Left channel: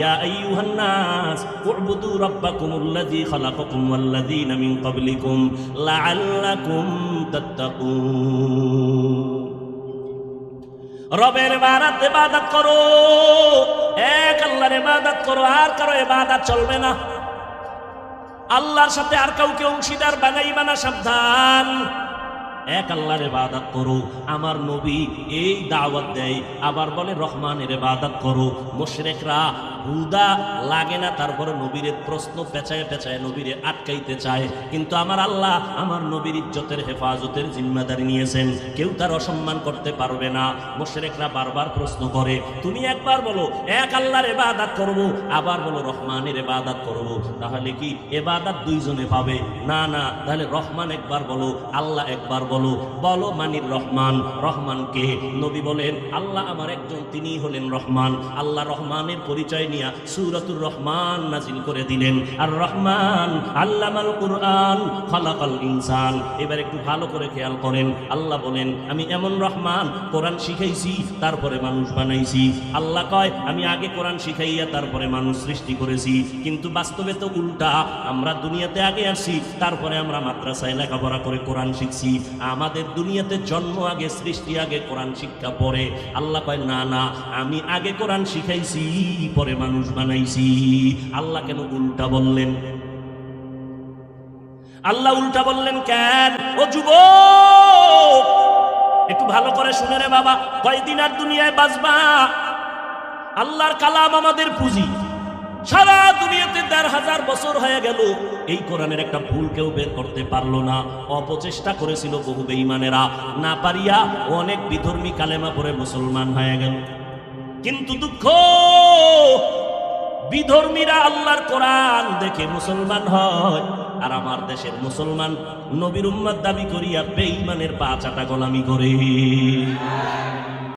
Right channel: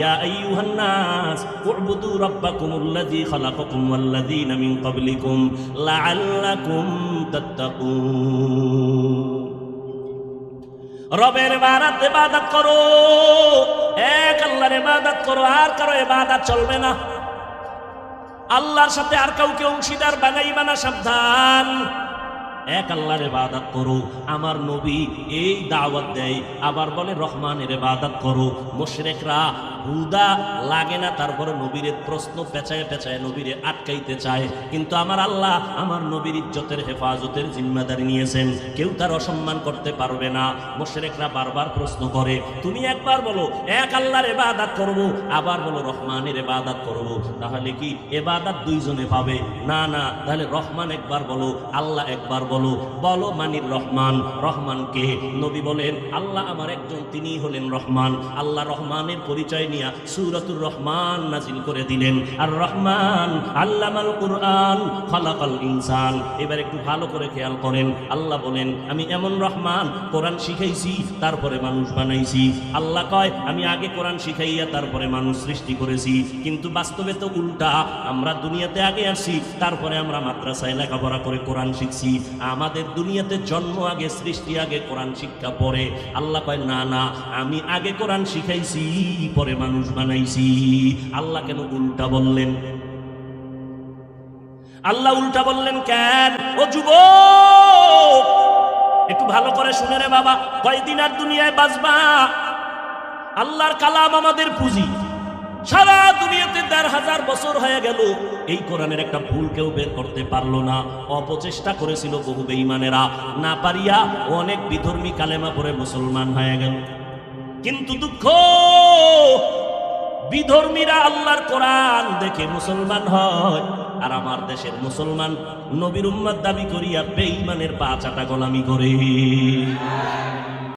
ইয়া আইয়ুহান নাস উ'বুদু রাব্বাকুমুল্লাযী খালাকাকুম ওয়াল্লাযীনা মিন ক্বাবলিকুম লাআল্লাকুম তাত্তাকুন। রবের ইবাদত করো, এক আল্লাহর ইবাদত করো, আর কারো ইবাদত চলবে না। আল্লাহর সাথে আর কাউকে অংশীদার বানাইবা না, সাবধান। এক আল্লাহর ইবাদত করো। আমার নবী এই দাওয়াত দেয়, আবার বলে রহমানের ইবাদত করো। মুশরিকরা হুদা লাগে না, তারপরে নবীর প্রশ্ন পেঁচায় পেঁচায় নবীরে আটকাইতে চায়, কিন্তু আমার আল্লাহ আমার নবীর ইজ্জতের হেফাজতের জিম্মাদারি নিয়েছেন, কেউ তার অসম্মান করতে পারবে না। মুশরিকরা বারবার প্রশ্ন করে, তুমি একবার বলো এক আল্লাহর ইবাদত করব, আবার বলো রহমানের ইবাদত করব, তাহলে কি ইবাদত দুইজনে পাবে? না না, তাহলে রহমান একবার বলো, আল্লাহ একবার বলো। বলো মানির রহমান, রহমানকে? নবী বলেন আল্লাহ আমার একজন, তিনি হলেন রহমান। আল্লাহ রহমানের পরিচয় নিয়ে সূরাতুর রহমান নাজিল করে দিলেন। আর রহমান আল্লামাল কুরআন খালাকাল ইনসান। এবার একটু ভালো করে খেয়াল করেন, আল্লাহ বলেন আমি এমন রহমান, কোরআন শিখাইছি তারপরে মানুষ বানাইছি। আল্লাহ কয় আমি আগে কোরআন শিখাইয়া তারপরে মানুষ সৃষ্টি করেছি, কিন্তু বাস্তবে তো উল্টা। আমরা দুনিয়াতে আগে আসি, তারপরে আমরা মাদ্রাসায় লেখাপড়া করে কোরআন শিখছি। আমাদের দুনিয়াতে জন্ম আগে, সৃষ্টি আগে, কোরআন শিক্ষা পরে। আল্লাহ কয় না না, আমি আগে কোরআন শিখাইছি পরে মানুষ বানাইছি। আল্লাহ কেন উল্টা বললেন? আল্লাহ উল্টা বললেন কেন? ও যুবক, একটু ভালো করে শুনে রে বাবা, কয়দিন আর দুনিয়ায় বাঁচবা? আল্লাহর কালাম আমাদের পুঁজি। সারা দুনিয়াতে ১,৫০০ বছর হয়ে গেল, এই কোরআনের একটা ভুল কেউ বের করতে পারলো না। অপচেষ্টা করেছিল বহু বেঈমানেরা, না পারিয়া অনেক বিধর্মী কালেমা পড়ে মুসলমান হয়ে গেল। কিন্তু দুঃখ, বিধর্মীরা আল্লাহর কোরআন দেখে মুসলমান হয়, আর আমার দেশের মুসলমান নবীর উম্মত দাবি করিয়া বেঈমানের পা চাটা গোলামি করে।